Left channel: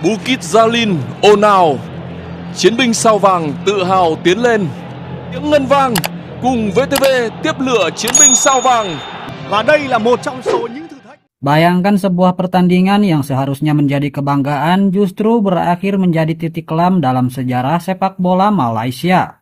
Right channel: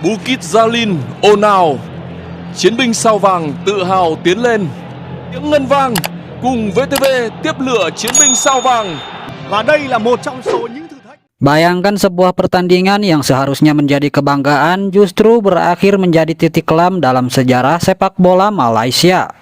Bukit Jalil, ồn ào, chiến binh sao vàng tự hào tiến lên. Tiếng ngân vang cùng VTV tiếp lửa chiến binh sao vàng. Và đây là một trong số những thử thách. Bayangkan sebuah pertandingan yang seharusnya menjadi kebanggaan justru berakhir menjadi titik kelam dalam sejarah sepak bola Malaysia.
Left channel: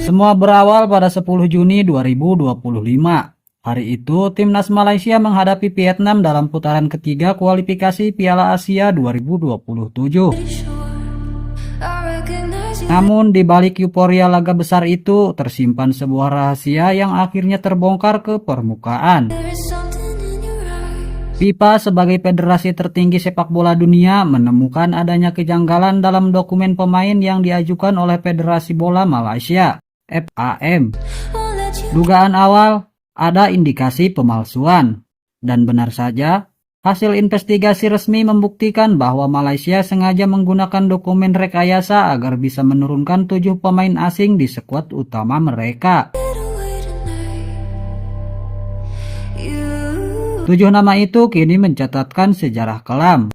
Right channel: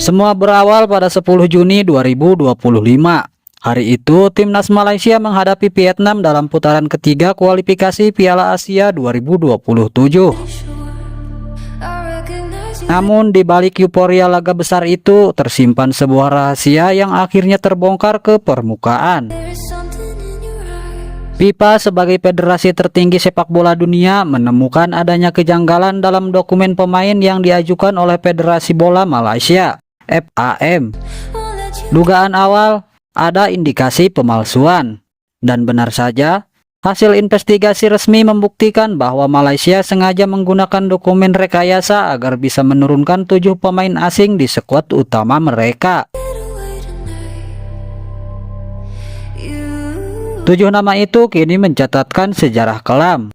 Semua berawal pada 10 Juni 2025. Hari itu, timnas Malaysia menghadapi Vietnam dalam putaran ketiga kualifikasi Piala Asia 2027. Namun, di balik euforia laga besar itu, tersimpan sebuah rahasia yang akhirnya terbongkar ke permukaan. FIFA sebagai federasi tertinggi sepak bola dunia menemukan adanya kejanggalan dalam dokumen pemain yang diajukan oleh Federasi Bola Malaysia, FAM. Dugaan awal, ada indikasi pemalsuan. Dan benar saja, hasil investigasi resmi membuktikan bahwa Malaysia sengaja menggunakan dokumen rekayasa agar bisa menurunkan 7 pemain asing di skuad utama mereka. 7 nama itu kini mencatatkan sejarah kelam.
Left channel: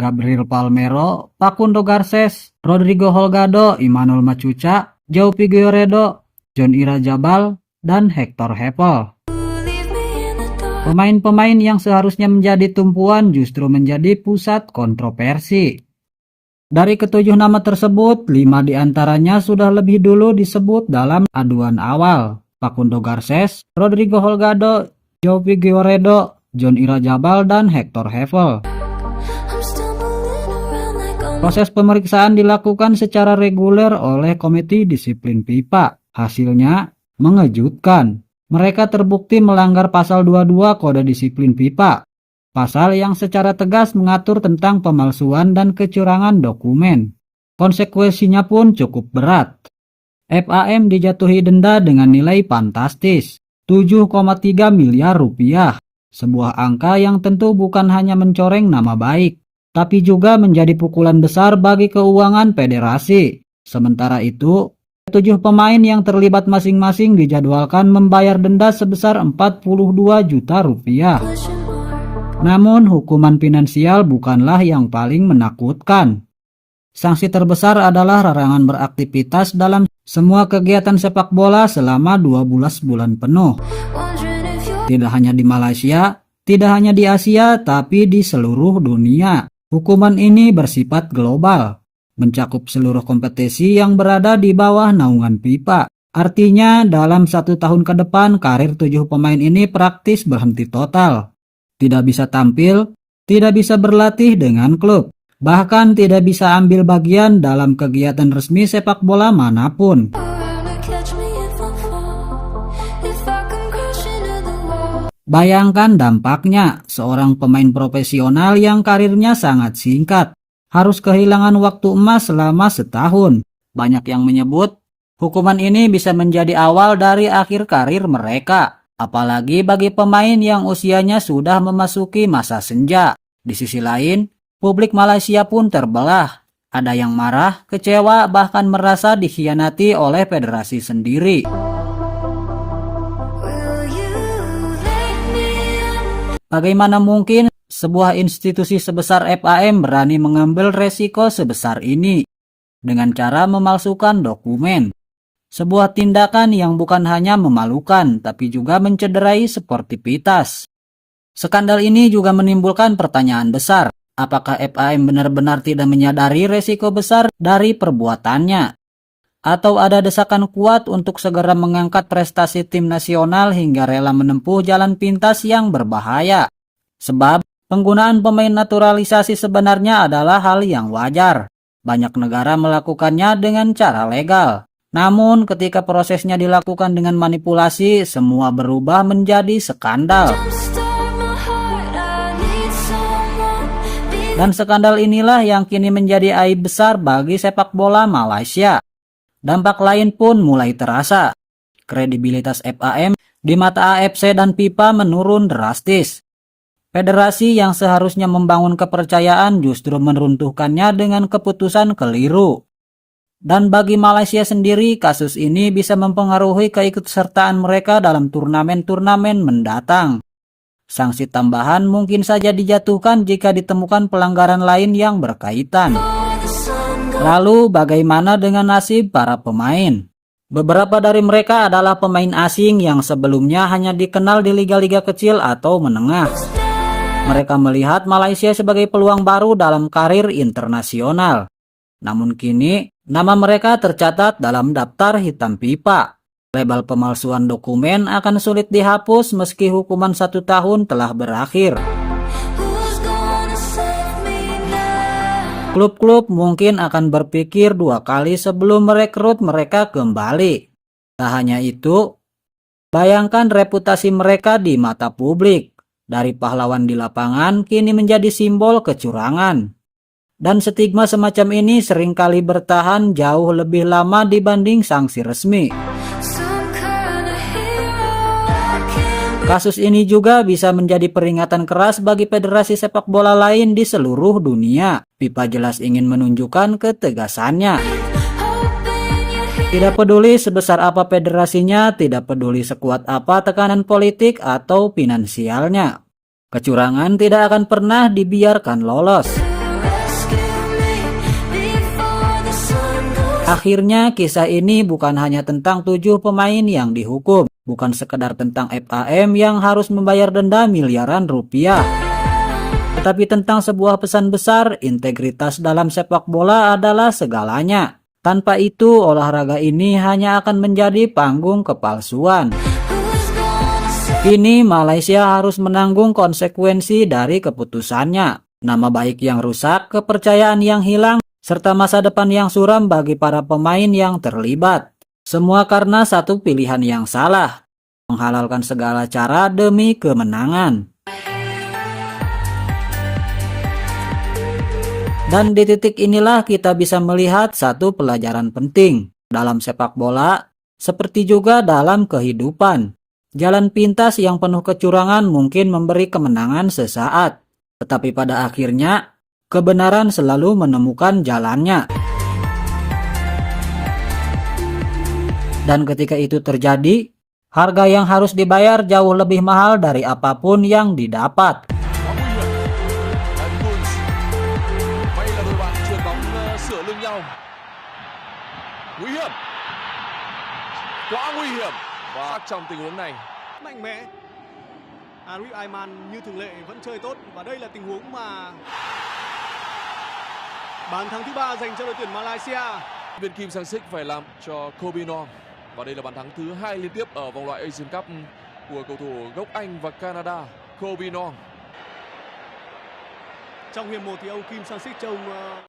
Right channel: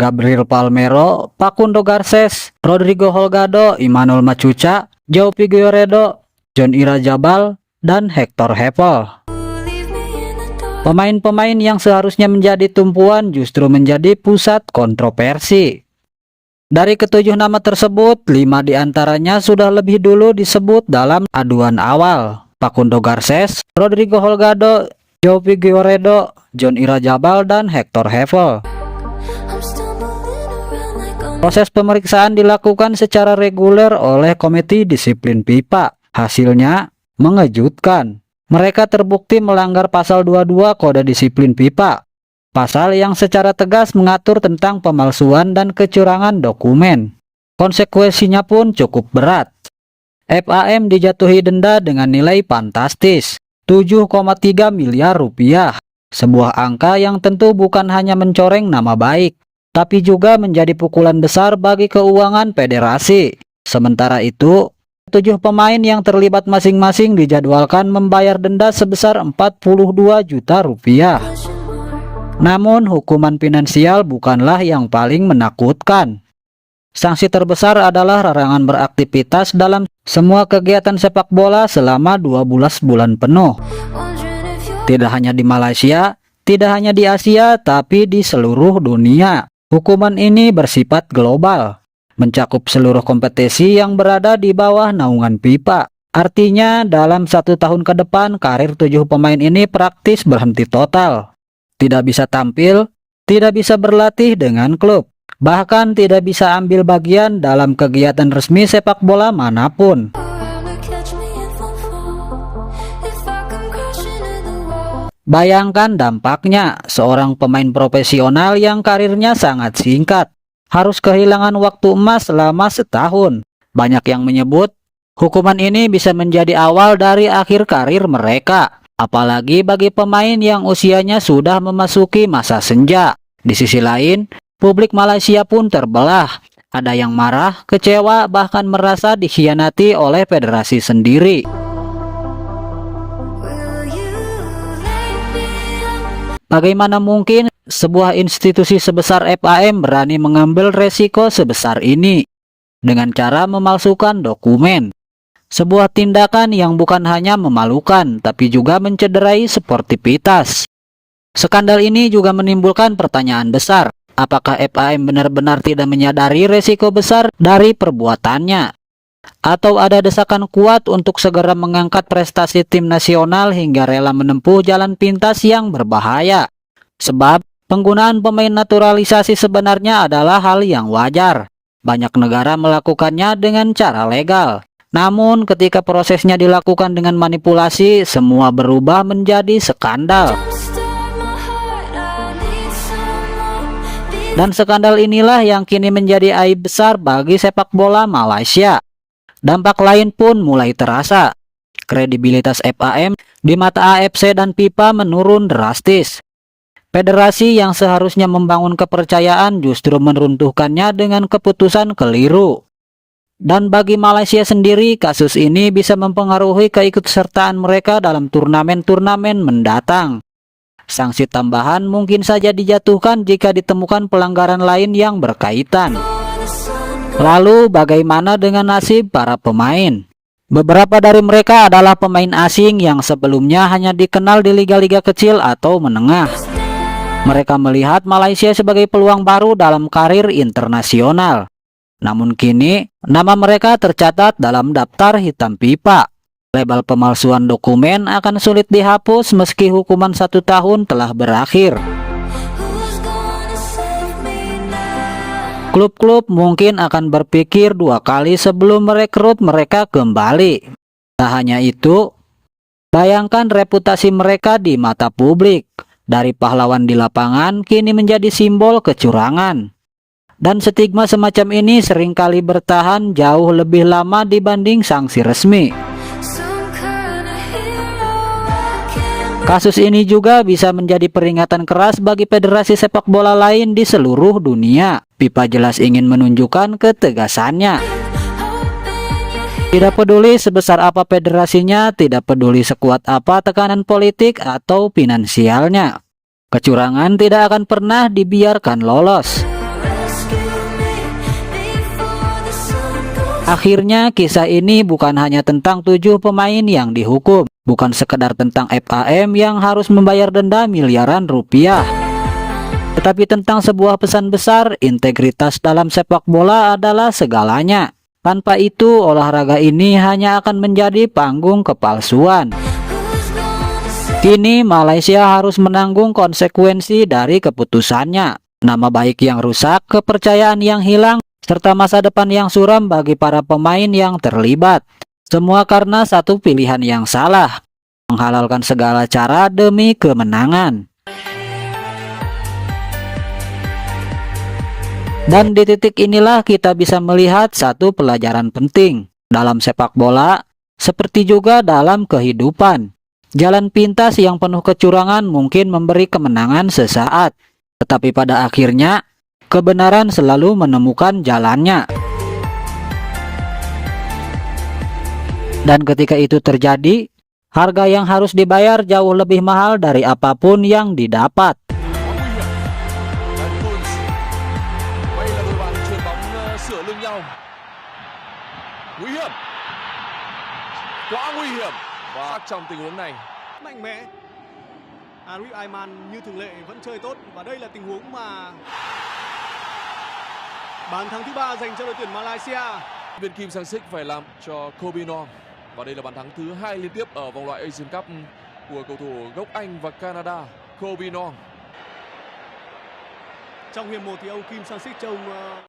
Gabriel Palmeiro, Facundo Garces, Rodrigo Holgado, Emmanuel Machuca, João Figueiredo, John Irajabal, dan Hector Heppel. Pemain-pemain yang seharusnya menjadi tumpuan justru menjadi pusat kontroversi. Dari ketujuh nama tersebut, 5 diantaranya sudah lebih dulu disebut dalam aduan awal. Facundo Garces, Rodrigo Holgado, João Figueiredo, John Irajabal, dan Hector Heppel. Proses pemeriksaan dilakukan secara reguler oleh Komite Disiplin FIFA. Hasilnya mengejutkan. Mereka terbukti melanggar pasal 22 Kode Disiplin FIFA. Pasal yang secara tegas mengatur tentang pemalsuan dan kecurangan dokumen. Konsekuensinya pun cukup berat. FAM dijatuhi denda dengan nilai fantastis, 7,3 miliar rupiah. Sebuah angka yang tentu bukan hanya mencoreng nama baik, tapi juga menjadi pukulan besar bagi keuangan federasi. Sementara itu, 7 pemain yang terlibat masing-masing dijadwalkan membayar denda sebesar 42 juta rupiah. Namun hukuman finansial bukanlah yang paling menakutkan. Sanksi terbesar adalah larangan beraktivitas dalam semua kegiatan sepak bola selama 12 bulan penuh. Tidak hanya di Malaysia, tidak hanya di Asia, tapi di seluruh dunia. Hukuman ini bersifat global, mencakup seluruh kompetisi yang berada di bawah naungan FIFA. Artinya dalam 1 tahun ke depan karir 7 pemain ini praktis berhenti total. Tidak bisa tampil, tidak bisa berlatih dengan klub, bahkan tidak bisa ambil bagian dalam kegiatan resmi sepak bola manapun. Bayangkan dampaknya, seorang pemain profesional yang karirnya sangat singkat harus kehilangan waktu emas selama setahun. Banyak yang menyebut hukuman ini bisa menjadi awal dari akhir karir mereka. Apalagi bagi pemain yang usianya sudah memasuki masa senja. Di sisi lain, publik Malaysia pun terbelah. Ada yang marah, kecewa, bahkan merasa dikhianati oleh federasi sendiri. Bagaimana mungkin sebuah institusi sebesar FAM berani mengambil resiko sebesar ini dengan cara memalsukan dokumen? Sebuah tindakan yang bukan hanya memalukan, tapi juga mencederai sportivitas. Skandal ini juga menimbulkan pertanyaan besar. Apakah FAM benar-benar tidak menyadari resiko besar dari perbuatannya? Atau ada desakan kuat untuk segera mengangkat prestasi tim nasional hingga rela menempuh jalan pintas yang berbahaya? Sebab penggunaan pemain naturalisasi sebenarnya adalah hal yang wajar. Banyak negara melakukannya dengan cara legal. Namun ketika prosesnya dilakukan dengan manipulasi, semua berubah menjadi skandal. Dan skandal inilah yang kini menjadi aib besar bagi sepak bola Malaysia. Dampak lain pun mulai terasa. Kredibilitas FAM di mata AFC dan FIFA menurun drastis. Federasi yang seharusnya membangun kepercayaan justru meruntuhkannya dengan keputusan keliru. Dan bagi Malaysia sendiri, kasus ini bisa mempengaruhi keikutsertaan mereka dalam turnamen-turnamen mendatang. Sanksi tambahan mungkin saja dijatuhkan jika ditemukan pelanggaran lain yang berkaitan. Lalu bagaimana dengan nasib para pemain? Beberapa dari mereka adalah pemain asing yang sebelumnya hanya dikenal di liga-liga kecil atau menengah. Mereka melihat Malaysia sebagai peluang baru dalam karir internasional. Namun kini, nama mereka tercatat dalam daftar hitam pipa. Label pemalsuan dokumen akan sulit dihapus meski hukuman 1 tahun telah berakhir. Klub-klub mungkin akan berpikir 2 kali sebelum merekrut mereka kembali. Tak hanya itu, bayangkan reputasi mereka di mata publik. Dari pahlawan di lapangan kini menjadi simbol kecurangan. Dan stigma semacam ini seringkali bertahan jauh lebih lama dibanding sanksi resmi. Kasus ini juga bisa menjadi peringatan keras bagi federasi sepak bola lain di seluruh dunia. FIFA jelas ingin menunjukkan ketegasannya. Tidak peduli sebesar apa federasinya, tidak peduli sekuat apa tekanan politik atau finansialnya. Kecurangan tidak akan pernah dibiarkan lolos. Akhirnya kisah ini bukan hanya tentang 7 pemain yang dihukum, bukan sekedar tentang FAM yang harus membayar denda miliaran rupiah, tetapi tentang sebuah pesan besar, integritas dalam sepak bola adalah segalanya. Tanpa itu, olahraga ini hanya akan menjadi panggung kepalsuan. Kini Malaysia harus menanggung konsekuensi dari keputusannya. Nama baik yang rusak, kepercayaan yang hilang, serta masa depan yang suram bagi para pemain yang terlibat. Semua karena satu pilihan yang salah, menghalalkan segala cara demi kemenangan. Dan di titik inilah kita bisa melihat satu pelajaran penting dalam sepak bola, seperti juga dalam kehidupan. Jalan pintas yang penuh kecurangan mungkin memberi kemenangan sesaat, tetapi pada akhirnya kebenaran selalu menemukan jalannya. Dan ketika itu terjadi, harga yang harus dibayar jauh lebih mahal dari apapun yang didapat. Quá nguy hiểm. Đấy, Guns. Vậy là đôi bạn chuyền bóng sửa lưng nhau. Nguy hiểm. Quá nguy hiểm. Và trong tình huống này, Mạnh mẽ. Arif Aiman như thường lệ vẫn chơi tốt và đây là tình huống mà bàn thắng thứ 3 dành cho đội tuyển Malaysia. viên Kim Sang-sik phải làm cho Kobe Nong. Và đây là bàn thắng thứ 2 liên tiếp ở vòng loại Asian Cup của cầu thủ gốc Anh và Canada, Kobe Nong. Trong hiệp 1 thì ông Kim Sang-sik trông